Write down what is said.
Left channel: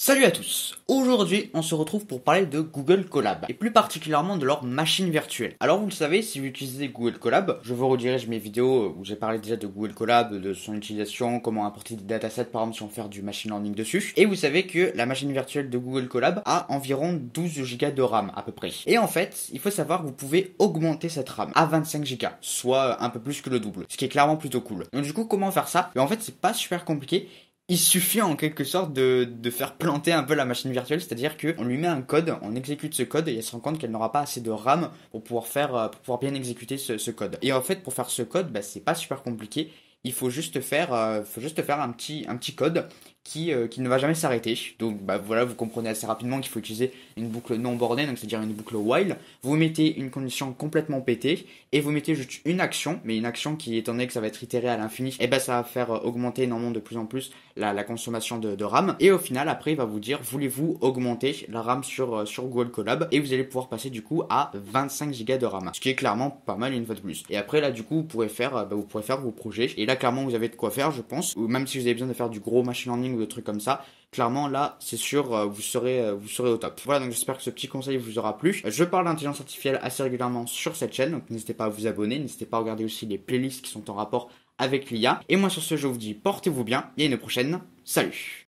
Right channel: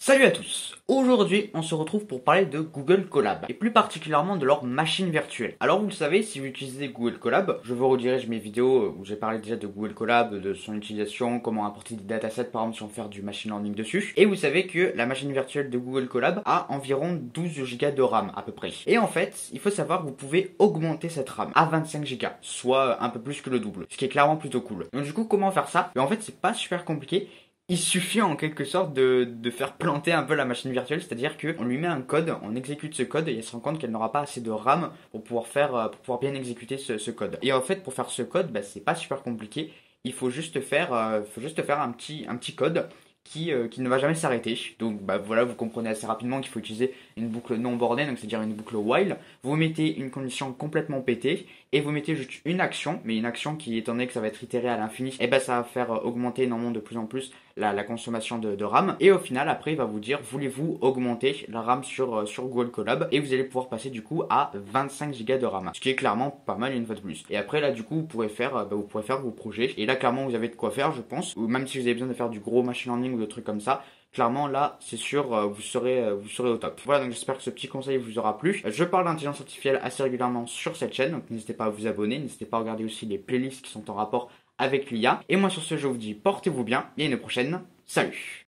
Salut à tous. Aujourd'hui, on se retrouve pour parler de Google Colab et plus particulièrement de leur machine virtuelle. Alors vous le savez, si vous utilisez Google Colab, je vous redirige mes vidéos où j'ai parlé déjà de Google Colab, de son utilisation, comment importer des datasets par exemple si on fait du machine learning dessus. Et vous savez que la machine virtuelle de Google Colab a environ 12 Go de RAM à peu près. Et en fait, il faut savoir que vous pouvez augmenter cette RAM à 25 Go, soit un peu plus que le double, ce qui est clairement plutôt cool. Donc du coup, comment faire ça? En fait, c'est pas super compliqué. Il suffit en quelque sorte de faire planter un peu la machine virtuelle, c'est-à-dire qu'on lui met un code, on exécute ce code et elle se rend compte qu'elle n'aura pas assez de RAM pour pour pouvoir bien exécuter ce code. Et en fait, pour faire ce code, c'est pas super compliqué. Il faut juste faire un petit code qui ne va jamais s'arrêter. Donc voilà, vous comprenez assez rapidement qu'il faut utiliser une boucle non bordée, donc c'est-à-dire une boucle while. Vous mettez une condition complètement pétée et vous mettez juste une action, mais une action qui, étant donné que ça va être itéré à l'infini, et ça va faire augmenter énormément de plus en plus la consommation de RAM. Et au final, après, il va vous dire, voulez-vous augmenter la RAM sur Google Colab? Et vous allez pouvoir passer du coup à 25 Go de RAM, ce qui est clairement pas mal une fois de plus. Et après, là, du coup, vous pourrez faire vos projets. Et là, clairement, vous avez de quoi faire, je pense. Ou même si vous avez besoin de faire du gros machine learning ou des trucs comme ça, clairement là c'est sûr vous serez au top. Voilà, donc j'espère que ce petit conseil vous aura plu. Je parle d'intelligence artificielle assez régulièrement sur cette chaîne, donc n'hésitez pas à vous abonner, n'hésitez pas à regarder aussi les playlists qui sont en rapport avec l'IA. Et moi sur ce je vous dis portez-vous bien et à une prochaine. Salut.